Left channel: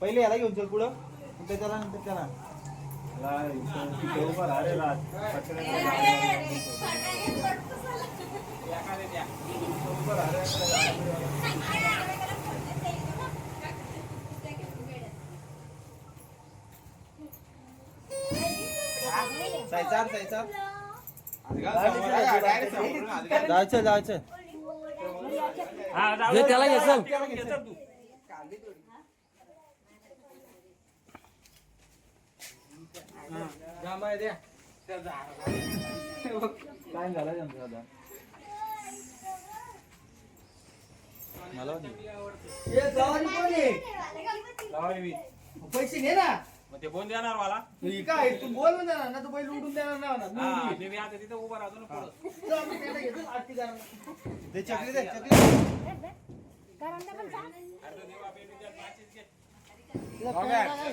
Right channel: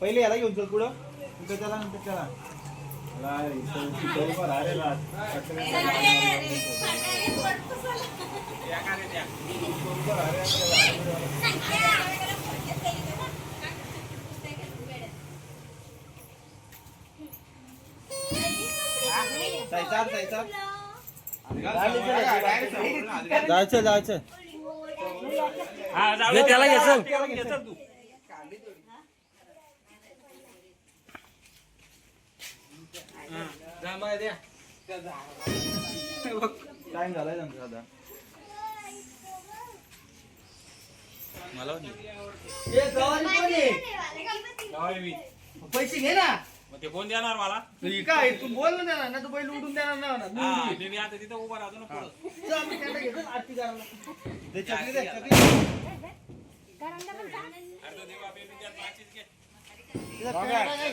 पहिले याला घेऊन चल पुढं. मग त्याला नंतर त्याला. जायचं जायचं. जायचं जायचं. घे त्याला घे चल टाइम झालाय त्यांचा आता मला पैसे घे ना मग ते कोण देणार मला हे काय तू बोल ना देणार ना तू बैल उडून देणार नाही म्हणा. मी हा, उडवीन. मी- मी आता तिथं उभा राहतो ना पुढं. जा, मी त्यांना घेतो, आरती करायला. ते चकली दे चकली दे. अरे तो देवा पेटी त्यात माचीस घे. काय?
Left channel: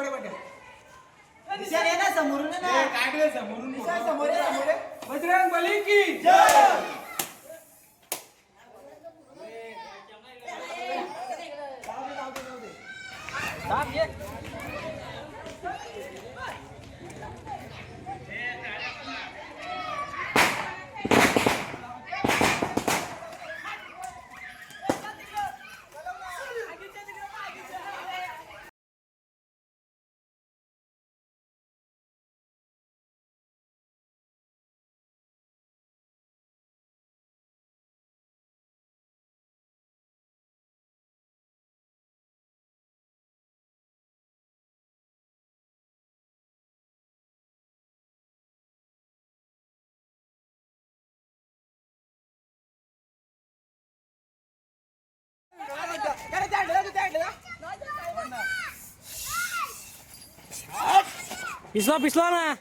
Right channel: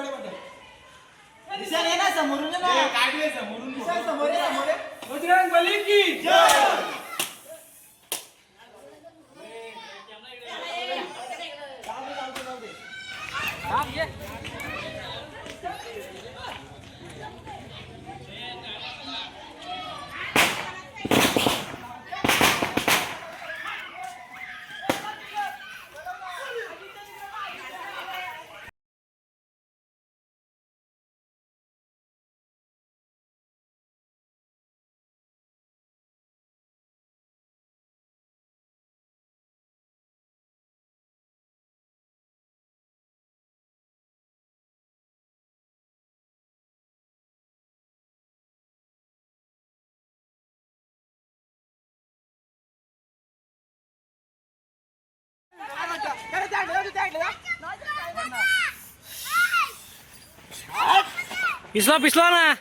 काढे पाट्या. दिसायला ये ना, समोरून ये ना. समोर ये, समोर ये. बजरंग बली की पिसला पिसला ना.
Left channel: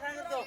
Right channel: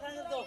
सांगतो